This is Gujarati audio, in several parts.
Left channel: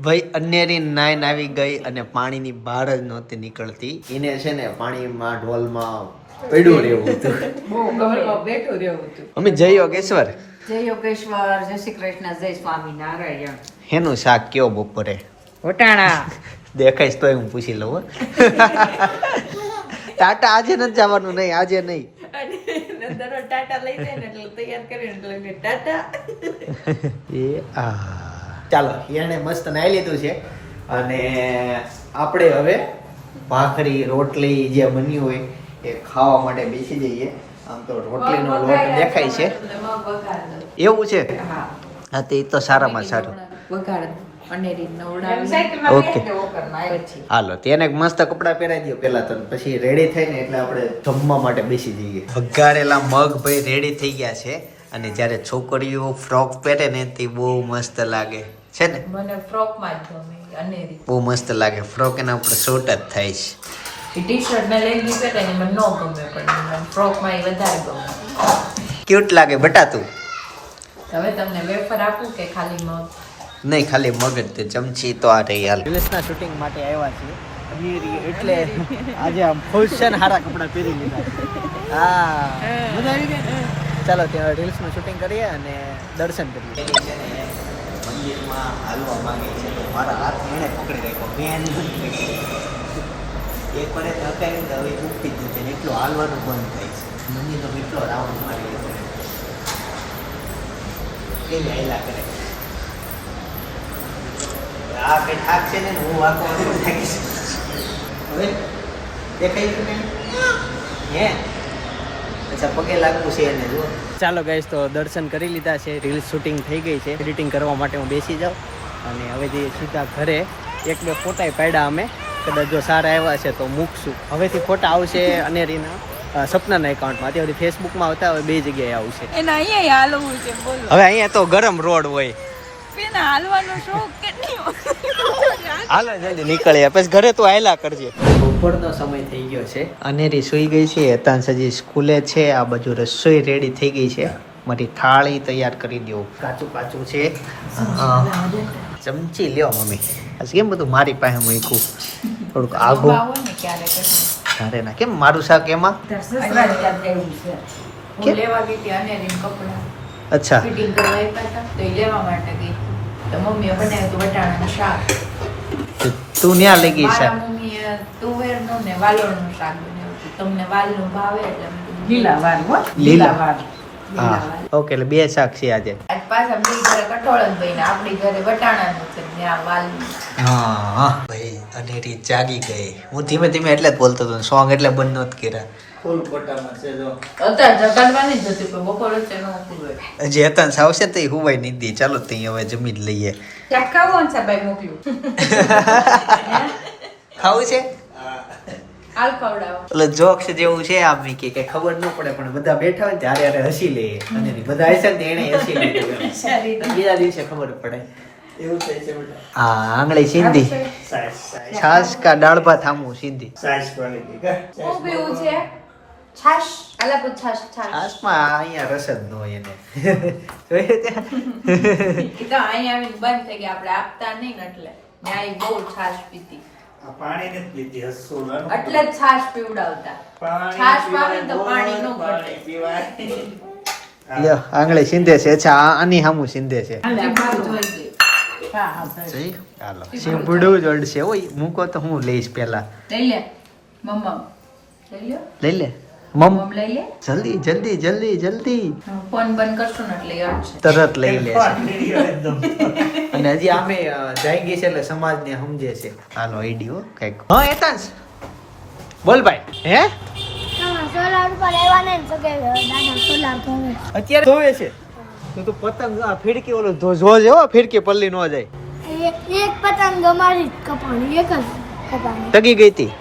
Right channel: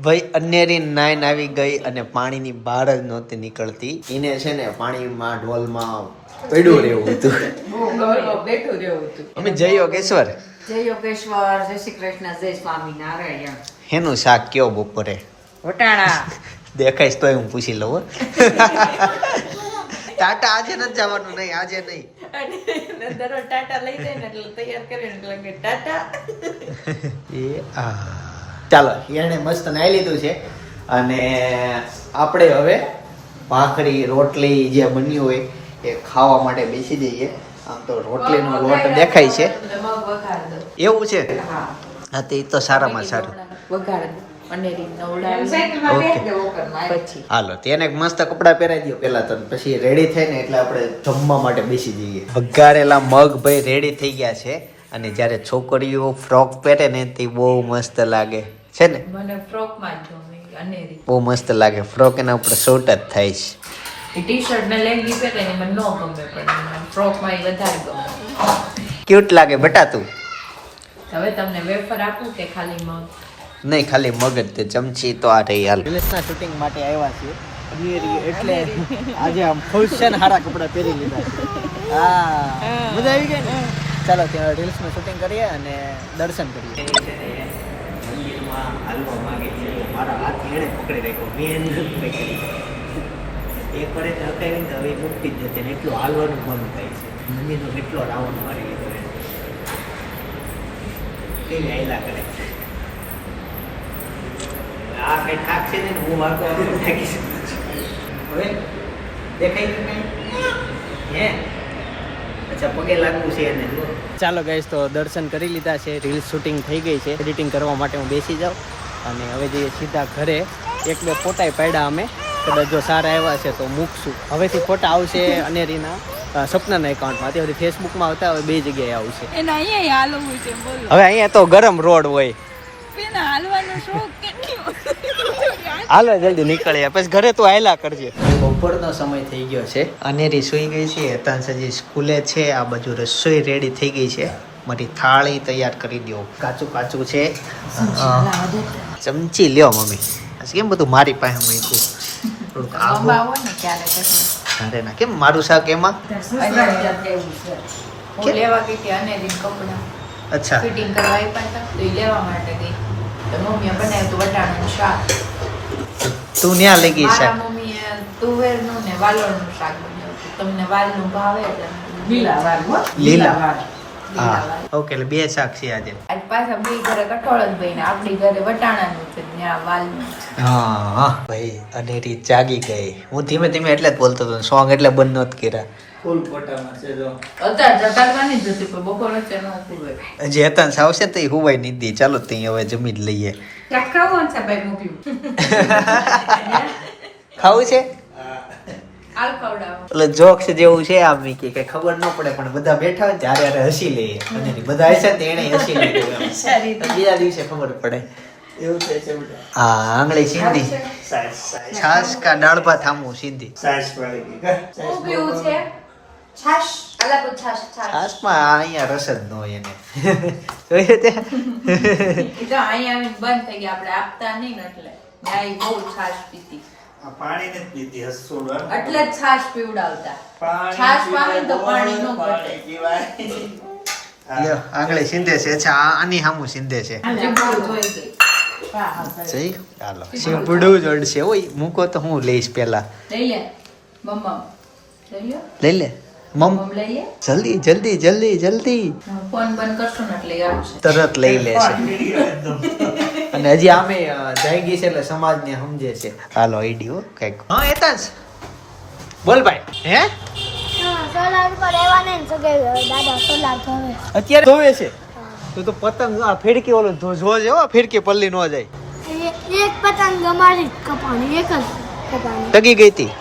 ભાઈ અન્યરી નાઈન આવી ગઈ અને પાણીની બહાર જ નહોતી નીકળતી. એને છે ને પાણીમાં ઢોલમાં પડ્યું રહેવું હતું. અમે જય યોગેશ્વર. જય યોગેશ્વર જય શ્રી કૃષ્ણ જય સ્વામી નારાયણ હેનું શાક કયો બપોરે? દેખાઈશ તોય હું પૂછી લઉં ટાટા આજે નથી જવાનું નહીં આજે નહીં. ટાટા લઈ જાય ને એટલે તૈયાર કરીને ટાટા. એ આ. ચાલો એને મસ્ત નાઈ લીધું છે. અને આપણે હવે ભાખરી રોટલી જે બની હોય એ ખાવા માટે બેસી જઈએ. આમ તો રોટલીનો લોટ દેખાય છે. એવું છે? હા. તે તો સારામાં સારું. હાલો તેને એક મસ્ત કપડા પહેરાવી દો પેલા તો. પછી રેડી થઈને એટલે આપણે જમવા માટે બેસી જઈએ. વઘારેલા મગ ભાઈ રેડી થઈ ગયા છે. અને જ્યારે છોકરીઓ ફ્રોક પહેરે ને તે બહુ મસ્ત લાગે. છે ને? મને ફ્રોકમાં જ ગમે અનેરી બહુ મસ્ત લાગે. ફ્રોક એના ઉપર શૂટ જ થાય છે. ટી શર્ટ ને લેગી પહેરે ને મને ન ગમે પણ મને ફ્રોકમાં વધારે ગમે. ક્યુટ લાગે બટા તું. હવે તમને વેફર આપું કે ખાલી મગ? નહીં ખાલી મગજ તે ચમચી તો આ રહી હાલ. રીલ્સના શૂટિંગ માટે આવ્યા છીએ. એટલે આજે આમ ખુશ છે ને સારા કપડાં પહેરી લીધા હા. મજા આવી ગઈ ને? ચાલો ત્યાં રીલ્સનું શૂટિંગ કરીએ અને દર્શન કરીએ. મંદિરમાં હાલવા માંગે છે તો મારા હાથ એણે પકડી રાખ્યો. મેં એને નથી એ પડે તો હકાવી ને હવે દુખતી જ જશે એટલું હાલવાનું બંધ થાય છે. મંદિરનો કેટલો રાઉન્ડ મારી છે. કેવી હાયલા કરે? આ કઈ થાક છે ને? હું વાકો વાકો થાકીશ. હવે દેખાય છે નહીં? હે? અચ્છા પગે લાગવું છે એને જો ચાલો ગાઈસ તો દર્શન કરી લીધા છે. રીલ શૂટિંગ થઈ ગઈ છે. એડિટિંગ કરવા માટે હું બેસી જાઉં. અને હવે જઈએ સીધા ઘરે. એક બે ફોટા પાડ્યા અમે. કદાચ જો સારા આવ્યા છે તો મૂકશું. હવેથી ફોટા આવશે અનેરીના સપનાના એકાઉન્ટમાંથી તે ફેસબુકમાં આવતા હવે બે જગ્યાએ આવશે. એના અહીંયા હાલવું છે બોલો. હવે અહીંયા તો ગરમ રોડ હોય. હાલવાનો કેટલી હાલો જલ્દી નીકળીએ. પછી ઘરે તું આયલા કરજે. બપોરનો સમય થઈ ગયો છે. અનેરી સુઈ ગઈ છે. હેતાન સજી સ્કૂલે છે. આ બાજુ રસોઈ રેડી થઈ ગઈ છે. મારી થાળી તૈયાર કરી દો કાચું કાચું છે. ચમચી લ્યો મમ્મી. આજે કેમ બધું મારી પાસે મૂક્યું? થોડુંક આગો આવો ને કેમ મારું શાક એમાં? અચ્છા. ફિટિંગ કરવા આપ્યા હતા. તો લેવા માટે ગઈ. તો મમ્મીએ બનાવ્યું હતું વટાણાનું શાક. તું ત્યાં લઈ ગઈ શાક? મમ્મીએ તુવેરનું ને વાલોળનું શાક બનાવ્યું હતું. તમને વાલનું ભાવે એટલે લીલા વાલ હો. લીલા. વાલ. હા. ઓકે એટલે બે શાક છે આજે. આજ પાછા બે ઘરે કઠોળ જ બન્યા. આપણી ઘરે વટાણાનું છે ને આ વાલનું. હા હા. ભાઈ અનેરી જાગી ગઈ. હું ધીમે ધીમે એટલે જ બોલતો હતો સોંગ એટલે બંધ નહોત કર્યા. અત્યારે જગાડવાની છે વચ્ચે હજી હેતાંશ આવશે તો હુવાય નહીં ચાલો તો હવે જમી જ લઈએ. ખાવું છે એટલે જોક્સ જેવું છે આમ કે કઈ ખબર ન પડે પણ બધા બેઠા હોય ને ત્યારે હસી લઈએ. અને બધા હશે ને એને હસી લીધું બીજા દિવસે ખબર પડે. હા આંગળી સિંધી. છાસ કા દાળ ભાત આમું સિંધી. છાશ? અલા પૂછ છાશ છાશ. છાસમાં અહીંયા રસ જ ન હોય એને. જોયું તે. એ તો અહીંયા આવીને બંધ થઈ ગયા. આપણે આપતા નહીં ને એટલે. મેં આ બહુ છાશ પીતી એટલે છાશ પીવડાવતા. છાશ પાણી તો પાણી નો ઘટે. લ્યો આંગળી સિંધે છે. અચ્છા આ આની સામું સિંધે છે. જઈ ચાલો શીપડું જોડશે ઓય મૂકો તો હું લઈશ પેલા લઈ લે મમ્મા લઈ લે. મમ. મમ લઈ લે જલ્દી જલ્દી જલ્દી. જલ્દી ફોન બંધ કરશો ને એટલે આવશે. તરત લઈ લેશે અને હજી આમે જાય ગઈ છે એટલે સમાજને સમજે છે. હાલો આઈડિયો કંઈક. હા એતાંશ બોલ ભાઈ. હે? અત્યારે ધોવે છે? તો તો પતંગ આ ફેડકી ઓલો ધો જો જેવો ફેડકી પલ્લી નો જાય. એક પતંગ અમારી કપાણી એક જ કપાણી. ટકી ગઈ હતી.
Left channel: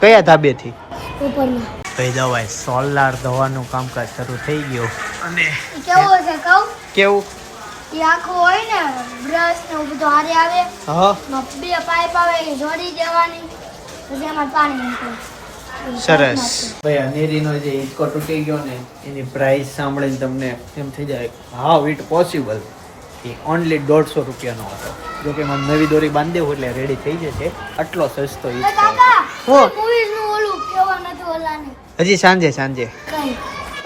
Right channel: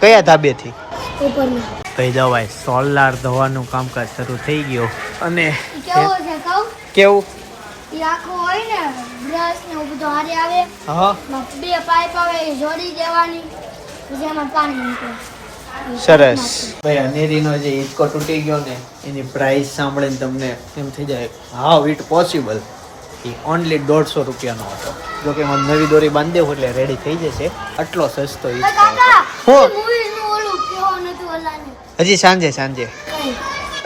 કયા ધાબેથી? પેપરમાં. ભાઈ દવાઈ સોલાર ધોવાનું કામકાજ શરૂ થઈ ગયો. અને કેવું છે કહું? કેવું? આખું હોય ને બ્રશ ને બધું હારે આવે હા. બે પાઇપ આવે એ જોડી દેવાની પછી એમાં પાણી નીકળે. સરસ. ભાઈ અનેરીનો જે હિંચકો તૂટી ગયો ને એની પ્રાઇસ સાંભળીને તમને એમ થઈ જાય હાઉ ઇટ પોસિબલ એ ઓનલી દોઢસો રૂપિયાનો હતો. જો કે મને નવી દોરી બાંધી હોય એટલે રેડી થઈ જશે. આટલો સસ્તો ઈચ્છો હતો. હું. મૂવીઝનું ઓલું કેવા નથી ઓલાને? હજી સાંજે સાંજે.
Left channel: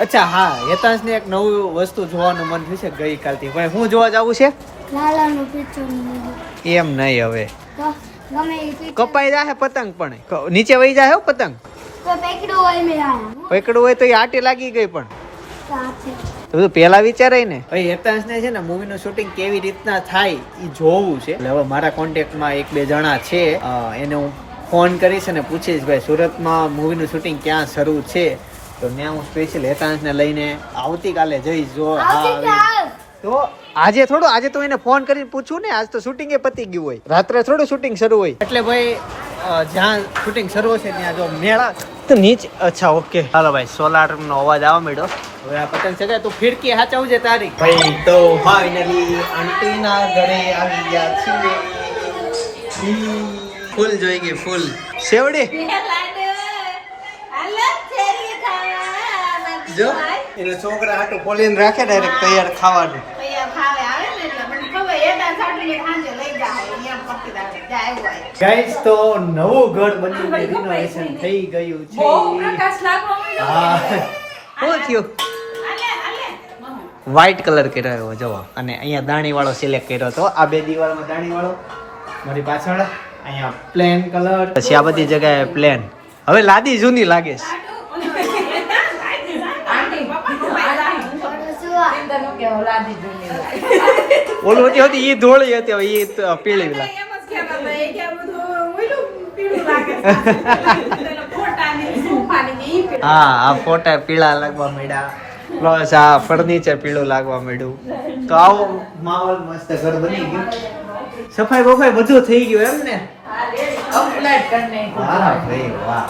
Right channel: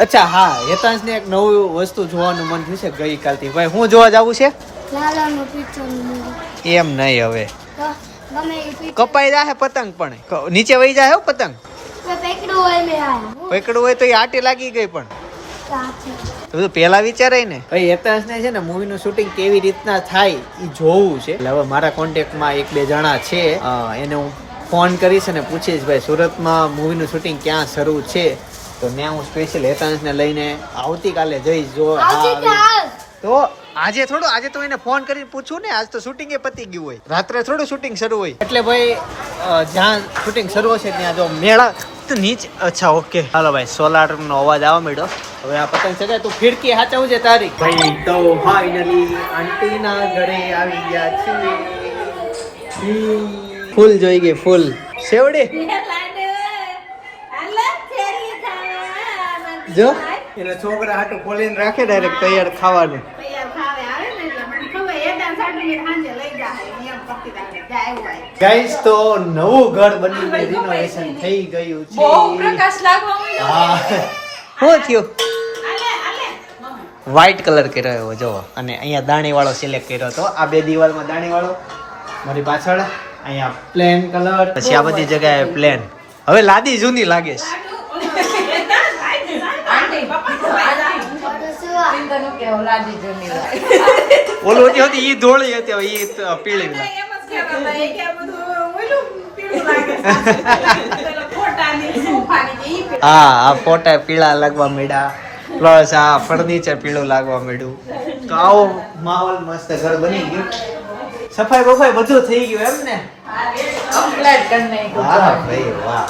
અચ્છા હા હેતાંશને એક નવું વસ્તુ જોવાનું મન થયું છે ગઈકાલથી. ભાઈ હું જોવા જવું છે? નું મૂવી એમ નહીં હવે. કપાઈ જાય પતંગ પણ. નીચે વહી જાય હો પતંગ. પકડવું હોય તો એ આટી લાગી ગઈ પણ. બધું પેલા વિચારાય ને. ભાઈ હેતાંશને છે ને મૂવીનું શૂટિંગ કેવી રીતના થાય એ જોવું છે. એટલે હવે મારા કોન્ટેક્ટમાં એક બે જણા છે. એને હું ફોન કરીશ અને પૂછીશ ભાઈ સુરતમાં મૂવીનું શૂટિંગ ક્યાં શરૂ છે? તો ત્યાં હું સ્પેશિયલ હેતાંશને લઈને આવતીકાલે જઈશ જો હા આવી તો આજે થોડું આજે તો એને ફોન કરીને પૂછું ને આજ તો શૂટિંગ એ પતી ગયું હોય. રાત્રે થોડું શૂટિંગ શરૂ હોય. એટલે ભાઈ જ્યાં શૂટિંગ શરૂ હશે ત્યાં જો મેળા તો નીચે અચ્છા ઓકે હાલો ભાઈ સોલાર નો અવાજ આવવા માંડ્યો. હવે આ પતંગ ચગાય તું ફિરકી હાચવું છે તારી. ભાઈ તો ફાઇનલી આંટીના ઘરે આવી ગયા છીએ. ફૂલ જોઈ ગઈ ફૂલ. સેવડી જો. એટલે છોકરા આટું ખોલીને રાખે ડાયરેક્ટ તૈયાર ખાવાનું. ગાઈસ તો નવું ઘર બનીને રિનોવેશન થઈ ગયું છે. હા. શું થયું? વ્હાઈટ કલર કર્યો એવો જોવો અને અહીંયા દાણી વાળો સિલેક્ટ કર્યો હતો. આ બે દિવાલમાં દાણી વાળો મારી પાછળ. અહીંયા પ્લેન કલર પછી આ બધી જગ્યાએ પ્લેન હવે લાદી જૂની લાગે છે. ઓલું હતી હતી ઈ ધોળી હતી હવે પીળી ઈ પીળું. હા આ ફોટા પીળા લાગવા મળ્યા પ્લસ આ ફર્નિચર પીળું લાગવા મળ્યું તો આવો માહોલ મસ્ત ઘર બની ગયું. સફાઈ બફાઈ બધું થઈ ગયું એમ ને? Upgrade કરી નાખ્યું. વાહ ભાઈ વાહ.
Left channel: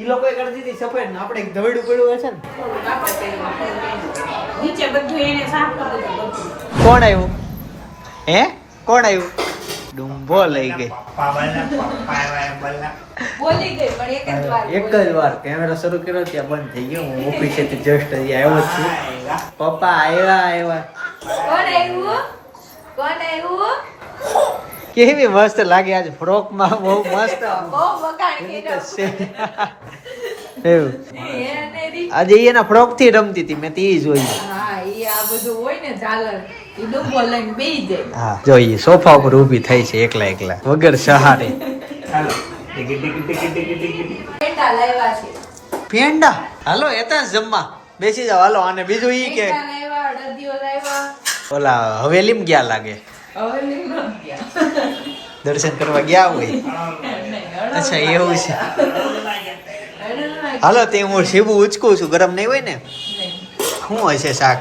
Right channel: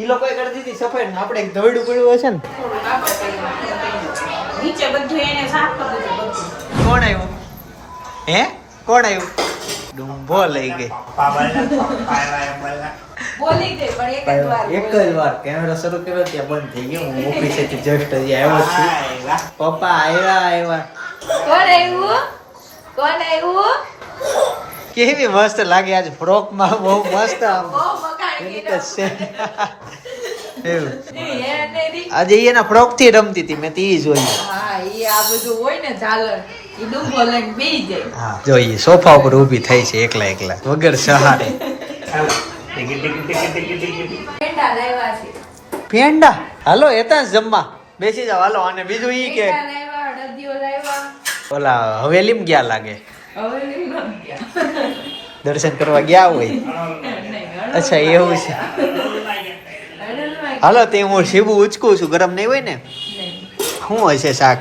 ઈ લોકોએ કરી દીધી સફાઈ ને આપણે એક પડ્યું હશે ને. નીચે બધું એને સાફ કરી દીધું કોણ આવ્યું હે? કોણ આવ્યું ડુંભો લઈ ગઈ. એક જ વાર કેમેરો શરૂ કર્યો ત્યાં બંધ થઈ ગયો. હું ઓફિસેથી જસ્ટ હજી આવ્યો છું. પપ્પા આવ્યા આવ્યા. કોણ આવ્યું કોણ આવ્યું કેવી મસ્ત લાગે આજ ફ્રોકમાં બહુ મસ્ત આજે એના ફ્રોકથી રમતી હતી મેં તી જોઈ. જોઈએ સોફા ઉપર ઊભી થઈ છે એકલા એકલા વગર સહારે. પેંડા હાલો એતા જમવા. બેસી જાવ હાલો અને બીજું ઈ કે ઓલા હવેલીમ ગયા લાગે? દર્શન કરવા ગયા હોય? અચ્છા એવું છે. હાલો તે હું સીબું ઉચકું છું. ગરમ નહીં હોય ને? શું હશે શાક?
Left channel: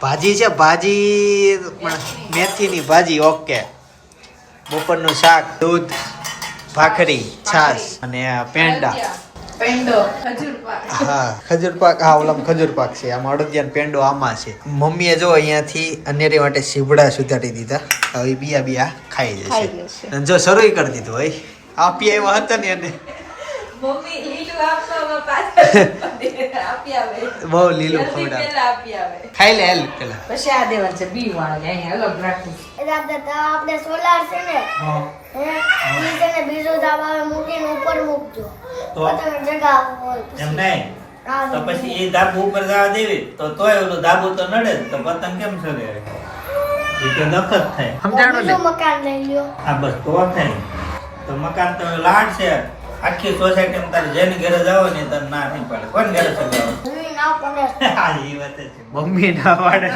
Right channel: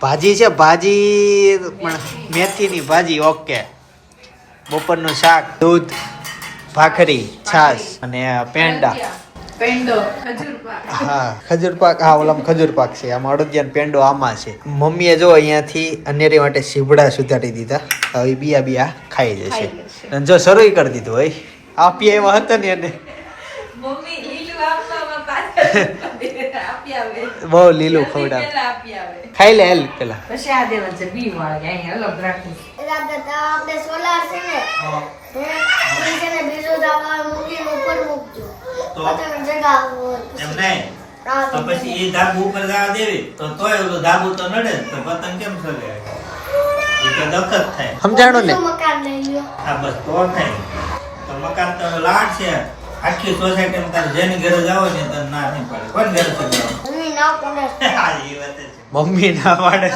ભાજી છે ભાજી પણ મેથીની ભાજી ઓકે. બપોરનું શાક દૂધ ભાખરી છાશ અને પેંડા. હા ખજૂર પાક હા ઓલામાં ખજૂર પાક છે. આમાં અડદિયાનો પેંડો આમાં છે. મમ્મીએ જો અહીંયાથી અનેરી માટે સીભડા સુધારી દીધા. હવે બિયા બિયા ખાઈ જશે. અને જો શરૂ કરી દીધું હોય આપી એવા હતા ને એને મમ્મી લીલું આપવામાં પાછળ આપી આવે બહુ લીલું ખવડાવ. પહેલા આપી આવે. ખાઈ લે હેલ પેલા. પછી આ દેવાનું છે બી વાળા અહીંયા અલગ રાખવું દાદા તો આપણે સોલાર છે ને હે? ને બીજું દાવા મૂકીને ઉપર મૂકજો. તો? પતંગ હોય એમ નહીં? તો પછી એ ધાબુ ઉપર જવા દેવી. તો તોય ઓલું ધાબુ તો નડે જ. તો પતંગ કેમ ચડે એ તો દખત થાય. સમજાણો ને? મકાન લઈ લ્યો? આ બસ તો થાય. તો મકાન તો લાડ છે. આખી સોસાયટીમાં તારે જેની ઘરે જાવ ને તને ના નહીં પડે. કોણ ઘરે છે મમ્મી ના પાડે.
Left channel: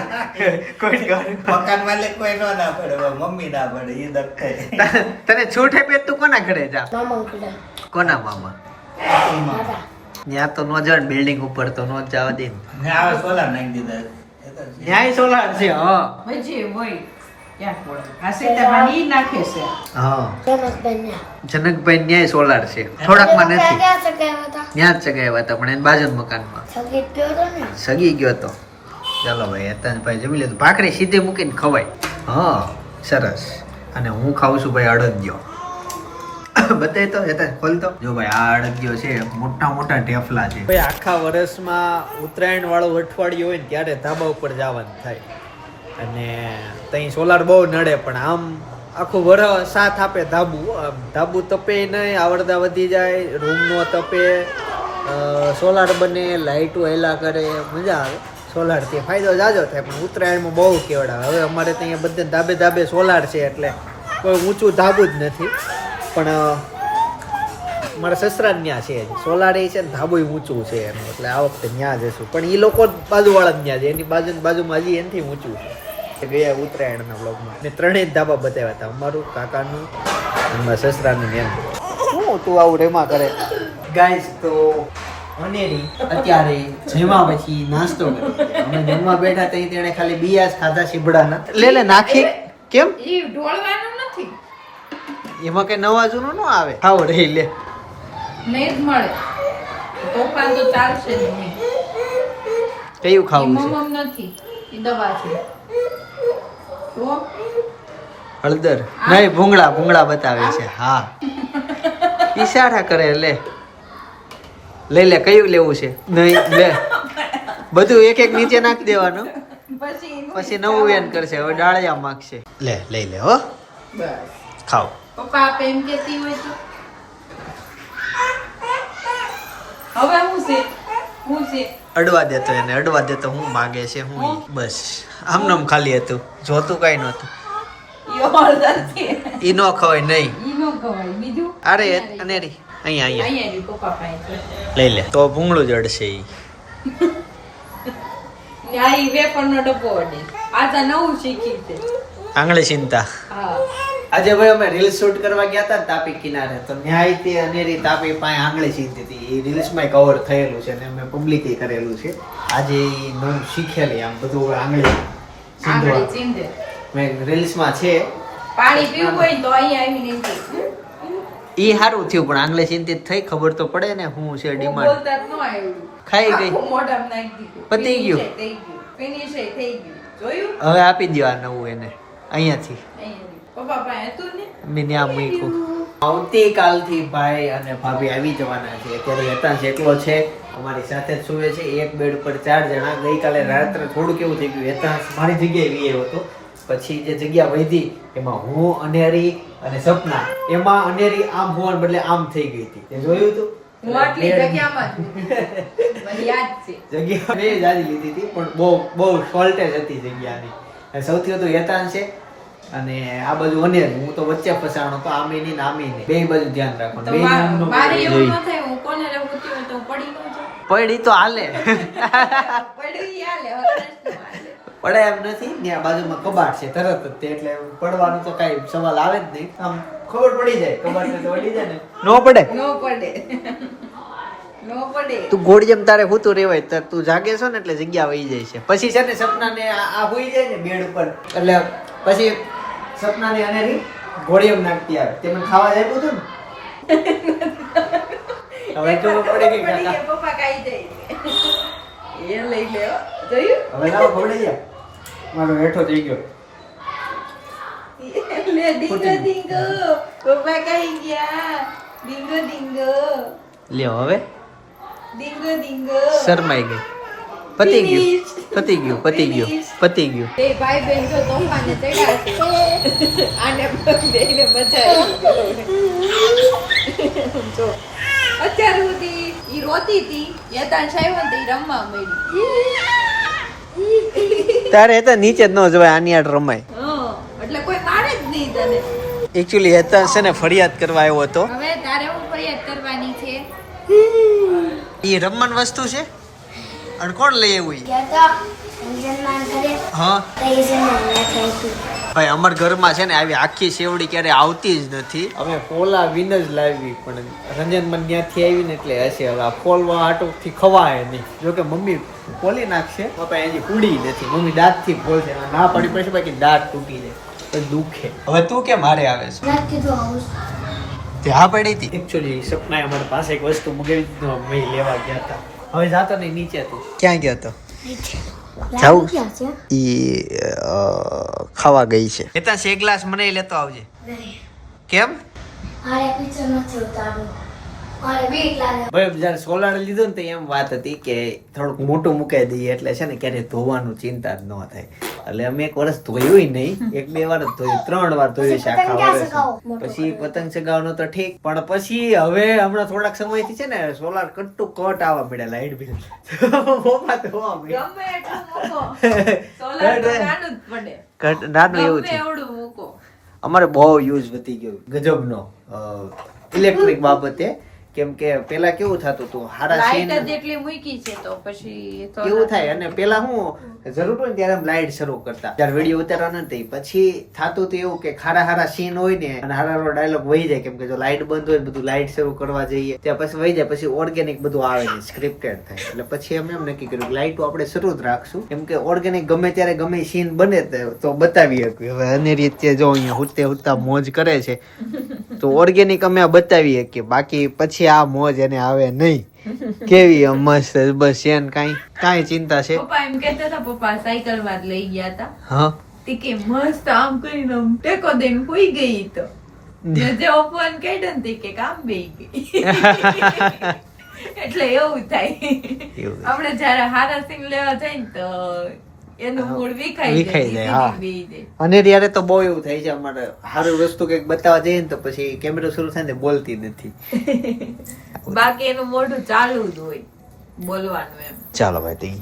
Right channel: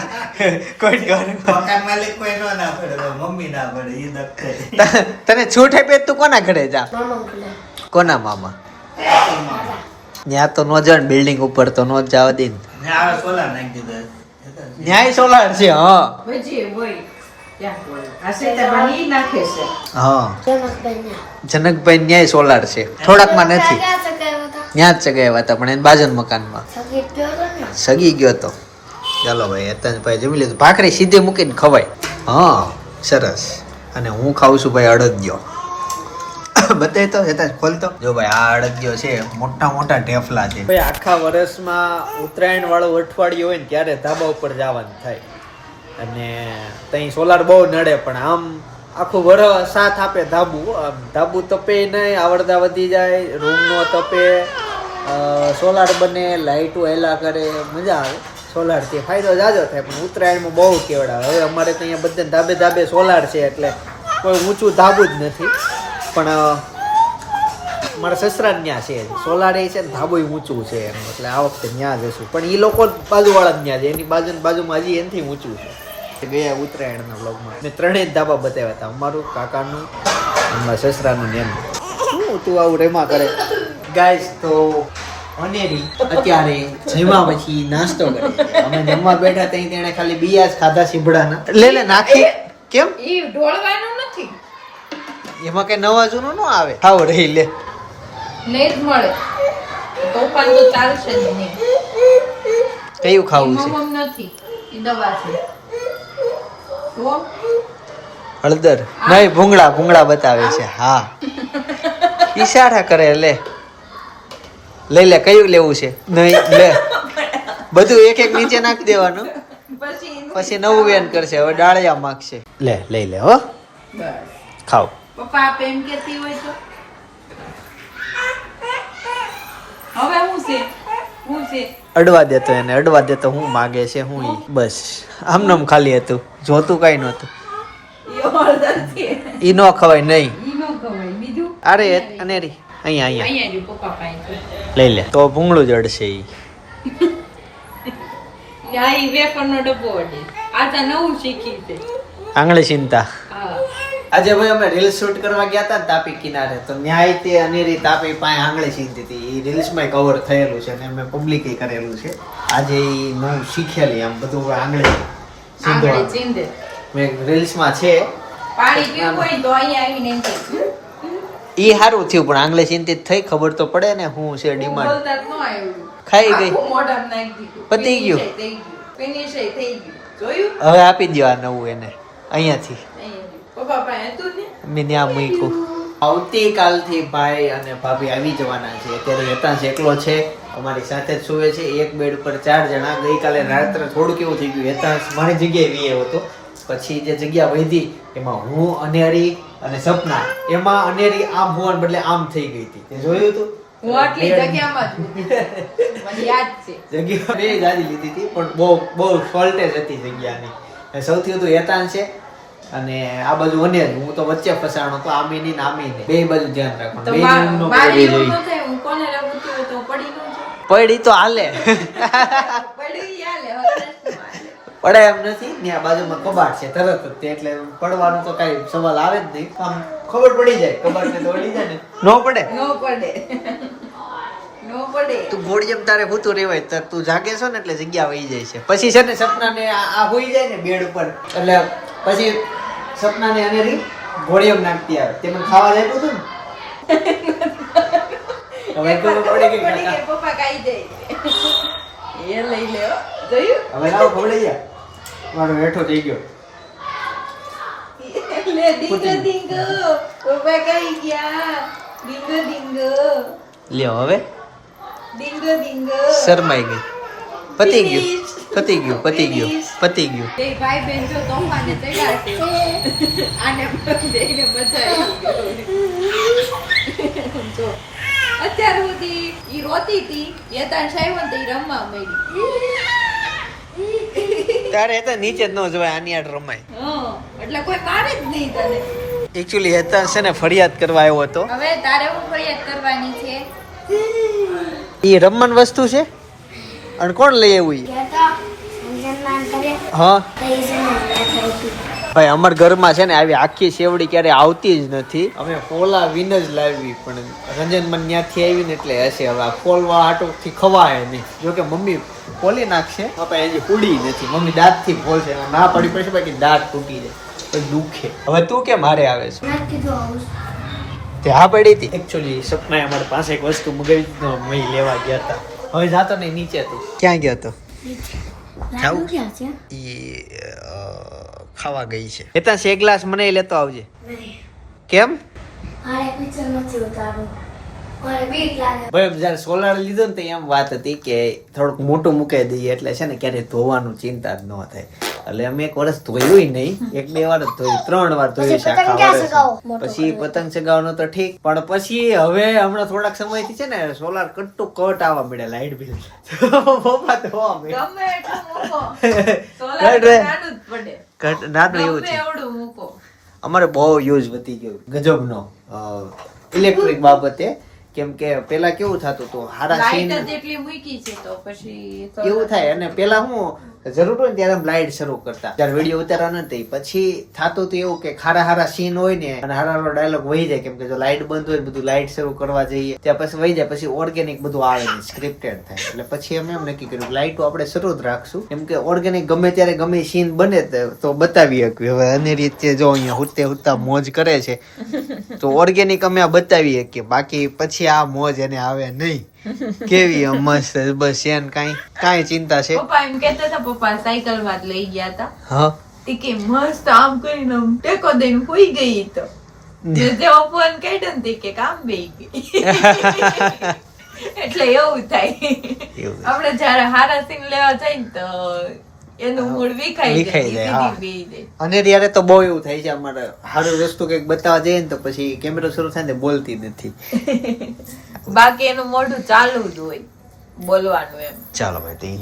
કોઈ ઘર મકાન માલિક કોઈ નો ના પડે મમ્મી ના પડે એ દખ તને છૂટ આપે તું કોના ઘરે જા? કોના મામા? ત્યાં તો નો જાય બિલ્ડિંગ ઉપર તો નો જવા દે ન્યાય સોલાર નાખી દીધા. ન્યાય સોલાર છે હા. જનકભાઈ ન્યાય સોલાર છે. થોડાકમાં નથી. હતા ત્યાં જ ચગાવ્યા હતા પણ એને બાજન મકાનમાં. હતો સગી ગયો તો. ચાલો ભાઈ હેતાંશભાઈ જમી લીધું ભાખરી સીધે મૂકીને ખવાય. હા સરસ. અને હું ખાઉં છું ભાઈ અડદિયો. બતાવી તો હેતાંશ ખોલતો જો ભાઈ આ અડદિયો છે મોટા મોટા ઢેફલા છે. ભાઈ આખા વર્ષમાં ઉત્તરાયણ વાળું અઠવાડિયું હોય ને ત્યારે ધાબા ઉપર જવાનું થાય. અને ત્યાં સોલાર બહુ નડે, પણ આમ આખું વરસ સાથ આપે ધાબુ. ધાબુ તપે નહીં, આવડતા વધી જાય રૂમનો તપે સોલાર બને લાઇટો હેલા કરે, મજા આવે. સોલારથી ફાયદો જાજો થાય, પણ ઉત્તરાયણમાં બહુ કેવડાવે. હવે અમારે તો અહીંયા ધાબે ધાબે સોલાર છે, એટલે કોઈ ઊંચું ધાબુ જ નથી. પણ મારા સસરા ત્યાં છે, સોલાર એ છે ને ધાબુ ઊંચું છે એનું, એટલે આ વખતે ત્યાં જશું. પણ એ લોકો બાજુવાળા જ ત્યાં છે, એની બાજુ બાજુમાં હજી એનાથી ઊંચું છે. ગયા ઉત્તરાયણના બ્લોગમાં ને ત્રણેય ધાબા બતાવ્યા હતા. અમારું કાકાનું અને મારા સસરાનું નેમ શું તું આવું રેમા કરે? ગાઈસ તો અનેરી અત્યારે જમવા પછી નાસ્તો કરે અમે જમવા બેઠા ત્યાં તેણે ખાલી બિયા જ ખાધા સીભડાના લે લે નાખી. કેમ? ઈ ઢોળવાનું નથી. એમાં કઈ નવા જૂનું ન આવે? ખાવ રહી લે. નહીં જ મળે. તોફાન તો ચાલશે જ નહીં. કયું ખાવું છે? નથી. દવા છે. હળદર. નહીં, ભૂંગળા ભૂંગળા બતાવે છે. હા. ઈશારા કરે, લે. લઈ લે, કયું લેવું છે? નહીં, લે. બધું એક એક નીચે નાખી દેવાનું. પછી નવું વેન કરશે, હવે ડાળિયા માગશે. લે, લઈ લે, હો. ખાવ. પપ્પા એમ કેતી હોય તો. હવે હું છે. અડવા દેતો એને અડવા દેતો હું માગે છે હું ઈ. બસ. આમનામ ખાલી હતું. જોતું કઈ નહોતું. ઈ નો ખવાય નહીં. અરે અનેરી. અહીંયા અહીંયા. લઈ લે. તો ભૂંગળું જડશે ઈ. આ ડબ્બો અડે. આ તો નવું શીખી છે. આંગળી ચિંતા હા. આજે ભાઈ અમે રીલ શૂટ કરવા ગયા હતા ને તાપી કિનારે તો ન્યાય તે અનેરી તાપી પાસે આંગળી સીધી હતી. એ રીલ્સમાં કવર થયેલું છે અને અમે પબ્લિકે કરેલું છે. આજે એ નવું શીખેલી આમ બધું આંગળી સીધવા મેં રીલ્સમાં છે. પાણી પીવું હોય તો અહીં આવીને ઈ સારું થયું પણ આંગળે ચિંતિત થઈ ખબર તો પડે ને શું છે ડિમાન્ડ ન ખાઈ ગઈ. પતી ગયું. હવે આપી દો આ નવું એને. અહીંયાથી. અહીંયા પપ્પા પાસે હતું ને? મેં ત્યાં મૂક્યું. આવતીકાલથી ભાઈ અને ભાભી આવી જવાના છે. અત્યારે હેતાંશ એકલો છે અમારી સાથે જ સુવે છે. એક બેડ ઉપર ચાર જણા. ગઈકાલે રાત્રે થોડું કેવું થઈ ગયું. હેતાંશ મારી જગ્યાએ વીએ હતો. પછી જે જગ્યા વધી એમાં હું અનેરી અને સપના. એમાં અનેરી આમ હોવાને બદલે આમ થઈ ગઈ હતી. તે જોયું હતું જગ્યા મેં જાજી લીધી હતી પણ બહુ બહુ શોર્ટેજ હતી જગ્યાની. સૌથી વધુ હેતાન છે અને આ બાજુ અનેર હું તો વચ્ચે ફસાણો તો આમી ની નામી ને બે બાજુ ધ્યાન રાખો બે કરવી એવું જોઈએ હું કોને રહેવું તો પડી તો હાલે. પડી હાલે. પડે એમ નથી ત્યાં બાજુમાં કબાટ છે તરત જ તે એટલે પડવાનો તો કઈ સવાલ આવે જ નહીં. આમ ખબર પડી જાય કબાટ ને તો જાય ને. નો પડે. નો પડે. નો પડે. તું ગોળ જેમ તારે હોતું રેવાય તો તું જાગે છો ને એટલે જગ્યા વહી જાય છે. પછી છે ને સપના ને આ હોઈ જાય ને બેડ ઉપર. એટલે પછી સપના ને અને રી ઘોડીએમ નાખતી આવે. તે મને ખાવા જાય હતું ને. હવે ખબર પડે કે કાકા? પપ્પા ખાઈ જાય એ લઈ લેવો જોયું? હવે લાવો ખવડાઈ ગયા મારો હેઠો થઈ ગયો. લે ડીંગો ડીંગો. પપ્પા ખાઈ ગયા. ડીંગો ડીંગો. લ્યો હવે. ડીંગો ડીંગો. શરમાઈ ગઈ. પતી ગયું. પતી ગયું પતી ગયું પતી ગયું. એ ભાઈ બેન જો તોફાને તૈયાર છે. આને દેખને મજા આવી જો અત્યાર સુધી ઈ રોતી હતી યતાન સાહેબ ને રમવા મળી. તારે તો નીચે જ ન જવાય આની આડ રમાય. એટલે કોઈ મારે જ નહીં તને. એકચ્યુઅલી હેતા છે ને ફરિયાદ કરવા આવ્યો હતો. હવે તારે હું ફરિયાદ કરવાની છે? એ રમવાની વસ્તુ છે? અને કોણ લઈ આવ્યું હા. ભાઈ અમાર ઘરમાં છે ને આવી આખી સેવડી ક્યારે આવતી જ નથી. અમે ફોલા વિન જ લાવી પણ રંજન મન ત્યાંથી આવી ને એટલે હશે હવે. આ ફોલવા આટોથી ખવાય નહીં. જોકે મમ્મી ફોલી નાખશે. પપ્પા એની પૂડી નથી. મમ્મી દાંતથી ફોલશે ના પડી પડશે બાકી દાંત તૂટી જાય. પછી દુખે. હવે તું કેમ મારે આવે છે? મેં કીધું આવું તે હા પડી હતી? એકચ્યુઅલી સપનાએ અમારી પાસે એક વસ્તુ મગાવી મેં લેવા ગયા હતા. હવે જાતો નહીં નીચે તું. ક્યાં ગયો તો? જાવું? ઈ ખાવા ગઈ છે. એ ત્યાં એક ગ્લાસ મને લેતો આવજે. કેમ? મારે પીછે નથી ઉતારવું. મારે બીક લાગે ભાઈ સોલાર લીધું ને તો એમ વાત હતી કે થોડુંક મોટું મૂકાઈ દઈએ એટલે છે ને ક્યારે ધોવાનું ચિંતા જ ન થાય. એટલે અમે એક વર્ષ ધોયું નહીં. એક બે વાર જ ધોયું ત્રણ વાર ધોયું છે પછી આખા વર્ષ પછી પતંગ. ચગાવવાનું તો ઠીક પણ પછી હવે હમણાં થોડાક સમયથી છે ને સોલાર કટ્ટુ કટ આવવા મળ્યા લાઈટ બિલ પપ્પા તો કટ નાનું એવું છે. અમારે બહુ યુઝ વધી ગયો ગજબનો ઇલેક્ટ્રિક બાબતે. કેમ કે પેલા કેવું થતું હતું? હારા સીન એટલી મૂકી છે તો પછી કેવું થાય અને પેલા હું જરૂર હોય ત્યારે લાઈટ શરૂ કરતા. ત્યારે વીડિયો ઉતારવા નથી પછી થતું હતું એવું કે ખારા હારા સીન હોય ને અને હારા હારો ડાયલોગ વહી જાય. કેમ કે જો લાઈટ બંધ હોય બધું લાઈટ શરૂ કરવા જઈએ ત્યાં પછી વહી જાય પછી ઓર્ગેનિક બધું આવે ને સ્ક્રિપ્ટેડ થાય. એટલે પછી અમે એમ નક્કી કર્યું લાઈટો આપણે શરૂ જ રાખશું. કેમ કે ઓર્ગેનિક ગમે ત્યારે ગમે સીન બને તો બતાવી શકીએ હવે અને રીતે જો અહીંયા હુતે હુતા મોજ કરે છે. તો ઓર્ગેનિક અમે બતાવી શકીએ બાકી પછી આ મોજ એને આવે નહીં. કેવી મસ્ત બસ એન કાંઈ કાંઈ ચિંતા છે. પપ્પા એમ કહેતા હતા પપ્પા સાયકલમાં લઈ ગયા હતા. હા. તે કે મસ્ત આમ કરીને આમ ટેકો દઈને કોઈ ગઈ તો. જેવો ફોન કાઢ્યો ને તે કે કામ બેહી ગઈ. એટલે એવું થાય. આપણે જયારે હારા સિંગ લેવા ને તો વિખાઈ વિખાઈ જાય, હા. અને ત્યારે તો બહુ એવું થાય છે અમારે સારું વસ્તુ કંઈક બતાવવા જઈએ ને તો પછી કેમેરો શરૂ થાય ને બોલતી નથી. બાકી એનું મોઢું ચાલુ જ હોય બોલવાનું એમ. ચાલો ભાઈ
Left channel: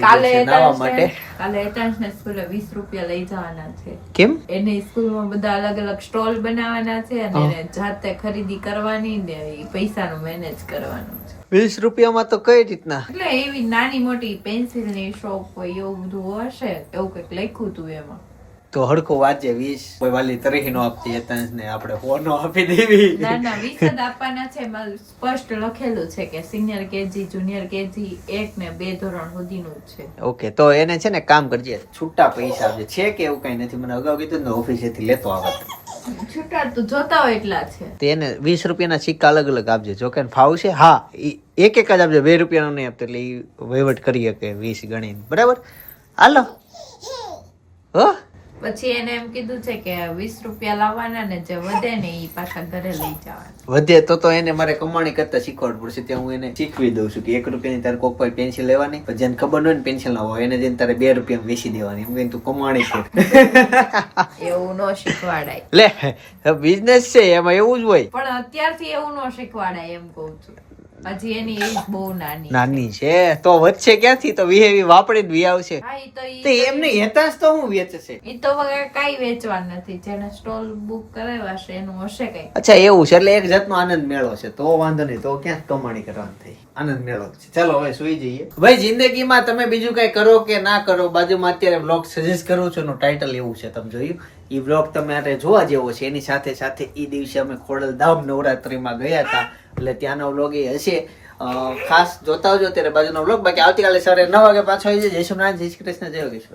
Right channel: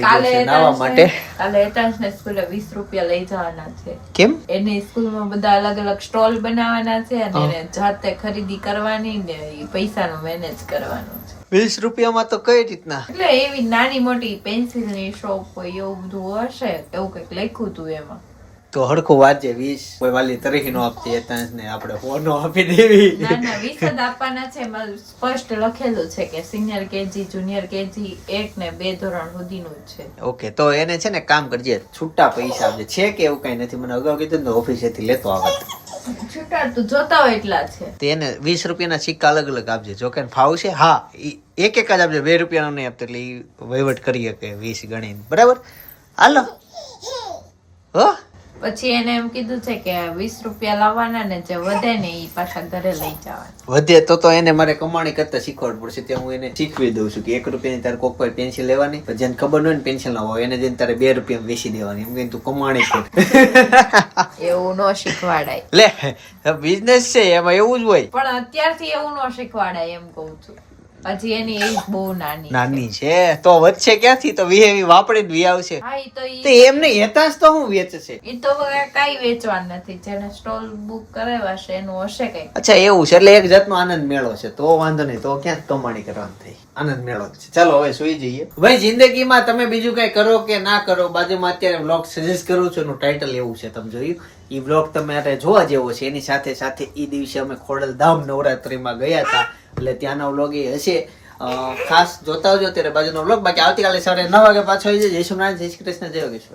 કાલે માટે. કાલે હેતાંશને સ્કૂલે વીસ રૂપિયા લઈ જવાના છે. કેમ? એની સ્કૂલમાં બધા અલગ અલગ સ્ટોલ બનાવવાના છે અને જાતે ખરીદી કરવાની ને એ પૈસાનો મેનેજ કરવાનો છે. વીસ રૂપિયામાં તો કઈ રીતના? એટલે એવી નાની મોટી પેન્સિલની શોપ હોય એવું બધું હશે એવું કંઈક લખ્યું તું એમાં. તો હડકું વાંચે વીસ. કોઈ વાલી તરીકે નો આપતી હેતાંશ ને આપણે ફોનો આપી દેવી. ના ના વીસ જ આપવાના છે. એમાં સ્પષ્ટ લખેલું છે કે સિનિયર કેજી જુનિયર કેજી એક ને બે ધોરણ સુધીનું છે. ઓકે તો એને છે ને કામ કરજે. છૂટા પૈસા આપજે. છે કે એવું કઈ નથી. મને અગાઉ કીધું ને ઓફિસેથી લેતો આવે જોતા હોય એટલા છે તે વીસ રૂપિયાના સિક્કા અલગ અલગ આપજે. જો કે ફાવ છે, હા એક એક જ આપજે. બે રૂપિયાનો નહીં આપતો એટલે એ વહીવટ કરી શકે વીસ ગણીને. બરાબર? હાલો. હો? પછી એને એમ કીધું છે કે વીસ રૂપિયા લાવવાના ને જે વધે ને એ પાછા ઘરે લઈ જવાના. વધે તો તો એને મારે કમાણી કરતા શીખવાડવું પડશે. ત્યાં હું એને શીખવી દઉં છું કે એક રૂપિયાની તારે કોક પર પેન્સિલ લેવાની પછી જેને ખબર ન હોય ને પેન્સિલ ના હોય એને જઈને તારે બે રૂપિયા વેચી દેવાની. એમ કહીને તું કમાણી કર. એવું ન શીખવાડાય. લે બિઝનેસ છે એમાં એવું જ હોય. પણ અત્યારથી એવું ન શીખવાડાય એમ કહું છું. હજી એની એજ બહુ નાની નાની છે? તો વધશે ક્યાંથી? તો વિહેવી વાપરીને વી આવશે. તો એમને હેતાંશ તો હું વેચે છે એ તો હવે કઈ વેચવાનું નથી. જેને સ્ટોલ બુક કરાવ્યા છે એનું હશે કઈ. અચ્છા એવું છે. એટલે એક જાતનો આનંદ મેળો છે. તો વાંધો નહીં. તો ક્યાંક કમાણી કરવાની થઈ આનંદ મેળો છે. ચાલો હવે સુઈ જઈએ. ભાઈ જિંદગીમાં તમે બીજું કઈ કરો કે ના કરો? બાજુમાં અત્યારે બ્લોગ સજેસ્ટ કરું છું. એનું ટાઇટલ એવું છે. તમે જોયું? એ બ્લોગ તમે આરે જોવા જેવો છે. એની સાથે સાથે એ દિવસે અમે ખોડલધામ નવરાત્રીમાં ગયા હતા. એટલે ત્યાંનો બ્લોગ એ હશે. ખાસ જોતા આવજો અત્યારે બાજુનો બ્લોગ બાકી આવતીકાલે સવારે નવ વાગે પાછો આવી જય સોમનાથ જય શ્રી કૃષ્ણ, જય યોગેશ્વર.